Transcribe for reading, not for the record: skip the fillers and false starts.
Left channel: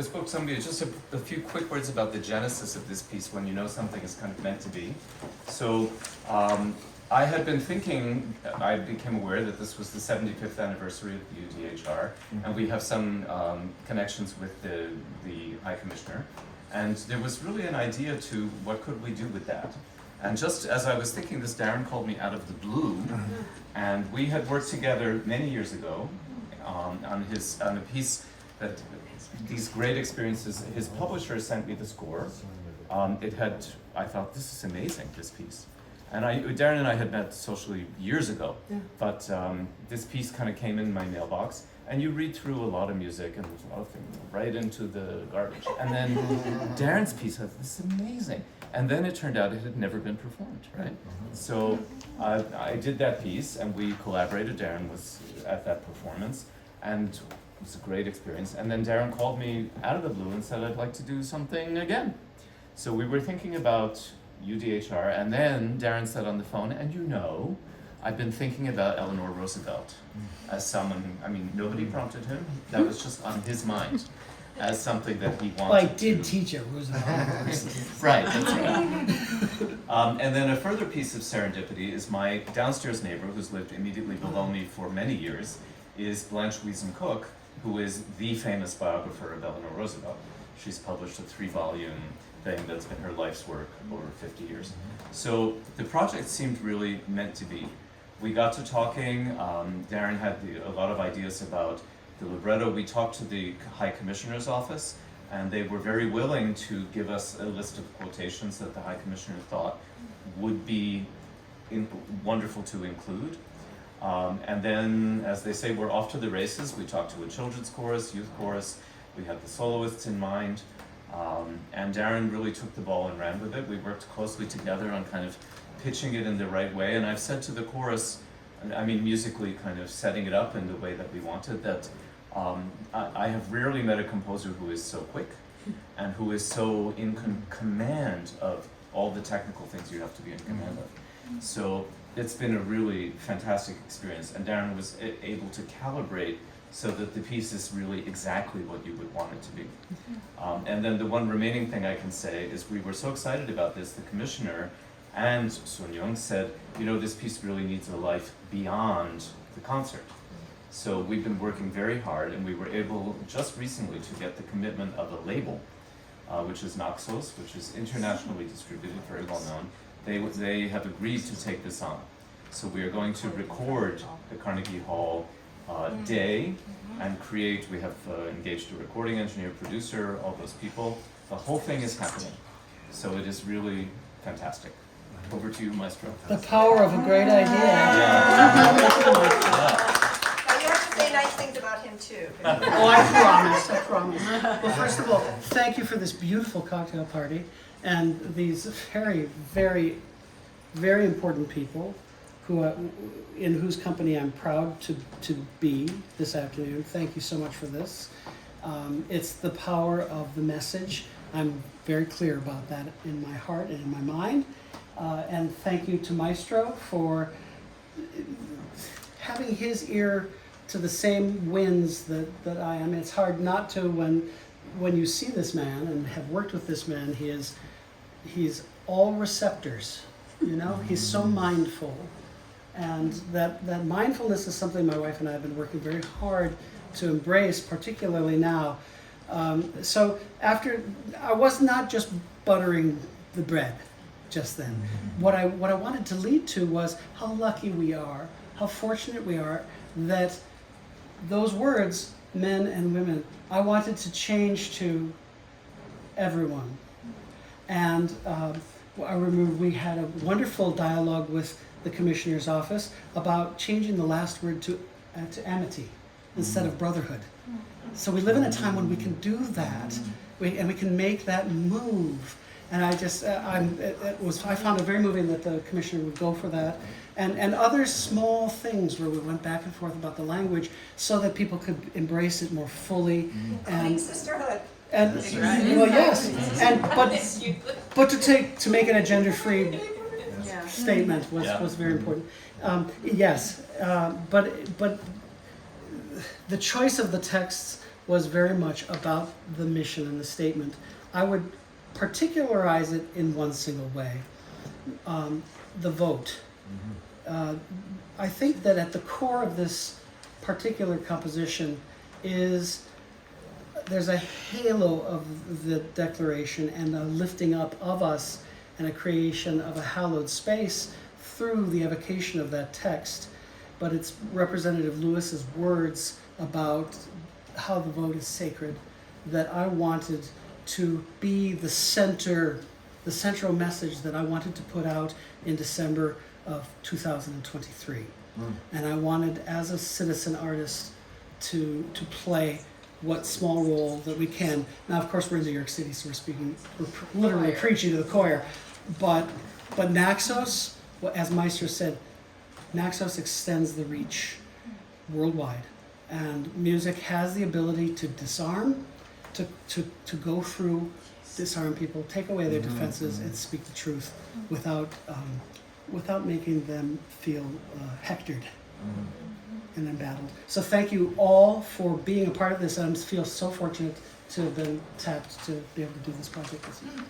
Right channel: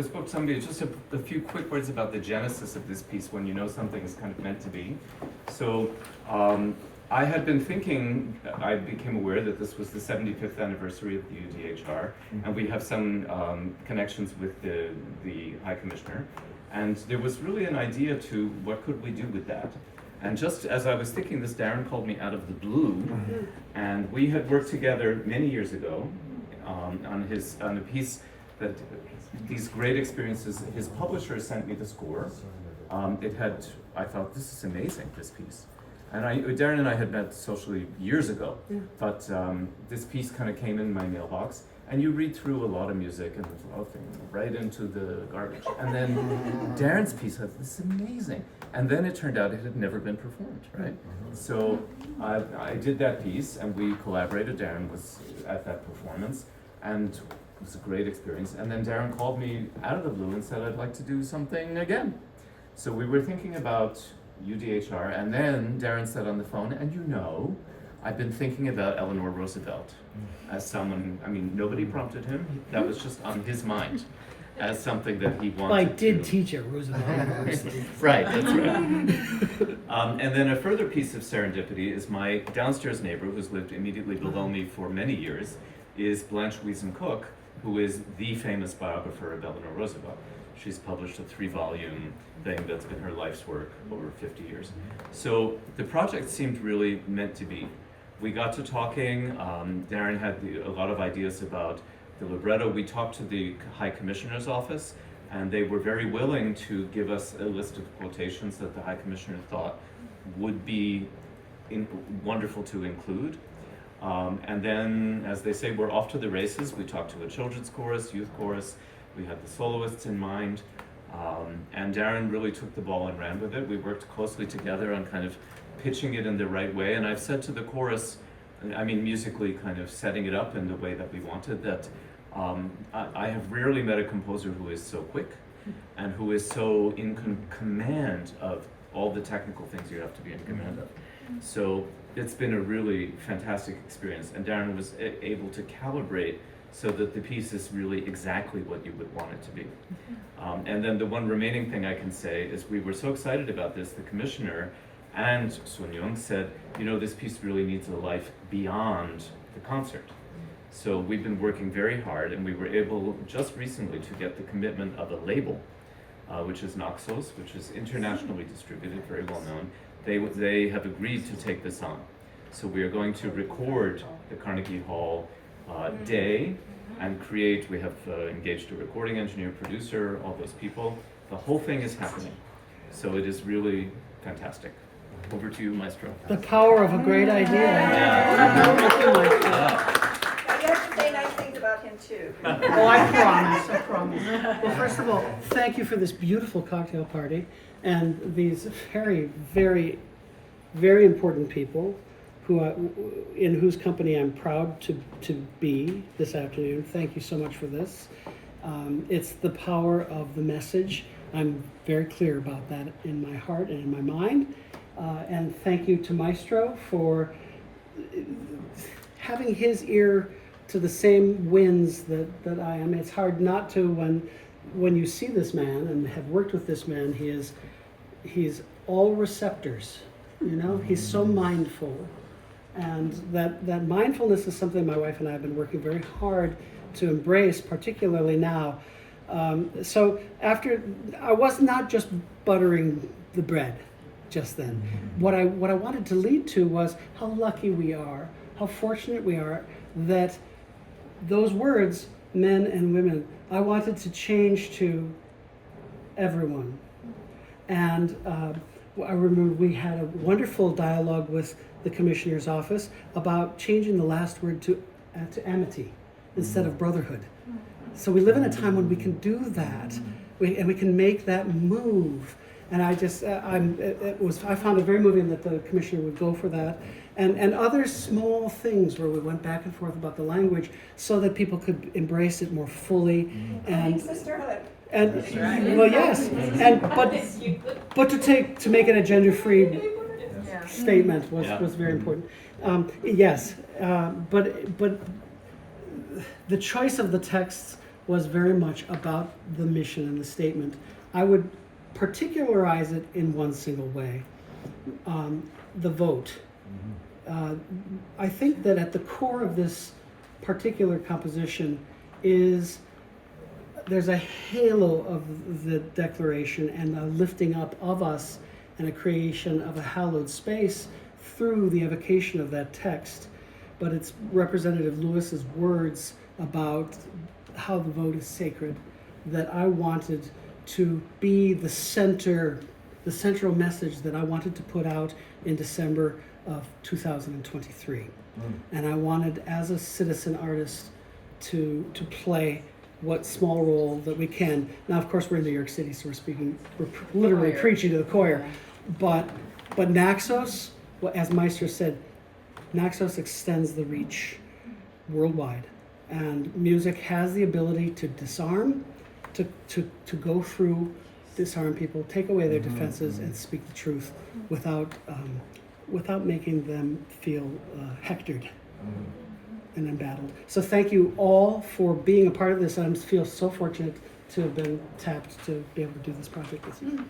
spoke to somebody, just a few quick words about the genesis of this piece when you know something is kind of meant to be. So I had been thinking, I became aware that this was the 75th anniversary of the UDHR, and we have some connections with the High Commissioner. And there was really an idea to what could we do with that. And just as I was thinking this, Daron called me out of the blue, and we had worked together many years ago on a piece that, these great experiences. His publisher sent me the score. I thought, this is amazing, this piece. And Daron and I had met socially years ago, but this piece kind of came in my mailbox. And you read through a lot of music and there's a lot of things right into the garbage. And then Daron's piece, I thought, this is amazing. And then it turned out it had never been performed, right? So I did that piece and we collaborated. Daron was at that performance and it was a great experience. And then Daron called me out of the blue and said, I'd like to do something again. So we were thinking about UDHR, and then Daron said on the phone, and you know, I've been thinking about Eleanor Roosevelt as someone, I mean, nobody prompted him, that was just on his mind as something that he wanted to. Well, I did teach at Roosevelt. Right, that's right. And then a further piece of serendipity is my downstairs neighbor, who's lived immediately below me for many years, is Blanche Wiesen Cook, who is the famous biographer of Eleanor Roosevelt. She's published a 3-volume thing that's been her life's work over 50 years. So the project seemed really meant to be. We got to talking. Daron had a lot of ideas about the libretto. We talked to the High Commissioner's office, and they were very willing to give us a list of quotations that the High Commissioner thought would be wonderful to include. And then, as they say, we're off to the races. We talked to a children's chorus, youth chorus. We had the soloists in mind. And Daron really took the ball and ran with it. We worked closely together on kind of pitching it in the right way. And I've said to the chorus, I mean, musically kind of setting it up in the way that we wanted, that I have rarely met a composer who is so quick and who is so in command of all the technical things you have to be in command of. So it's been a really fantastic experience. And Daron was able to calibrate so that the piece is really exactly what you would want it to be. And then the one remaining thing I can say is we were so excited about this, the commissioner and Sun Young said, you know, this piece really needs a life beyond the concert. So we've been working very hard, and we were able just recently to get the commitment of a label, which is Naxos, which is internationally distributed, very well known. They have agreed to take this on. So we are going to record the Carnegie Hall day and we have engaged a recording engineer, producer, all those people. The whole thing is happening. So it is really fantastic. Over to you, Maestro. The power of a great idea. Yeah. Now you have to say nice things about him too. Oh, I promise. Well, first of all, thank you for this beautiful cocktail party and these very, very, very important people in whose company I'm proud to be this afternoon. Thank you so much for this. It's the power of the message. I'm very clear about that in my heart and in my mind. And thank you to Maestro for having his ear to the same winds that I am. It's hard not to when you see this man and have worked with this man. He's all receptors, you know. He's so mindful, and that mindfulness is something my wife and I have been working very hard to embrace, particularly now. So after, I was not just buttering the bread just then. What I wanted to lead to was how lucky we are, how fortunate we are that those words, men and women, I wanted to change to everyone. And I remember we had a wonderful dialogue with the commissioner's office about changing the last word to amity instead of brotherhood. So we live in a time when we can do that, and we can make that move. And I just, I found it very moving that the commissioner would go for that. And other small things where we went back and forth about the language so that people could embrace it more fully. And sisterhood. And well, yes, and but to make it a gender-free statement was very important. Yes, but the choice of the texts was very much about the mission and the statement. I would particularize it in one single way. The vote. I think that at the core of this particular composition is there's a halo of the Declaration and a lifting up of us and a creation of a hallowed space through the evocation of that text. But it's Representative Lewis's words about how the vote is sacred that I wanted to be the central message that I wanted to put out in December of 2023. And I wanted, as a citizen artist, to play what small role that we can. Now, of course, we're in New York City, so we're literally preaching to the choir. But Naxos, well, as Meister said, Naxos extends the reach worldwide. And music has the ability to disarm, to go through, disarm people, take away their defenses, and speak the truth without making them feel hectored and embattled. So thank you all for being a part of this. I feel so fortunate to have been tapped to be able to do this project this year.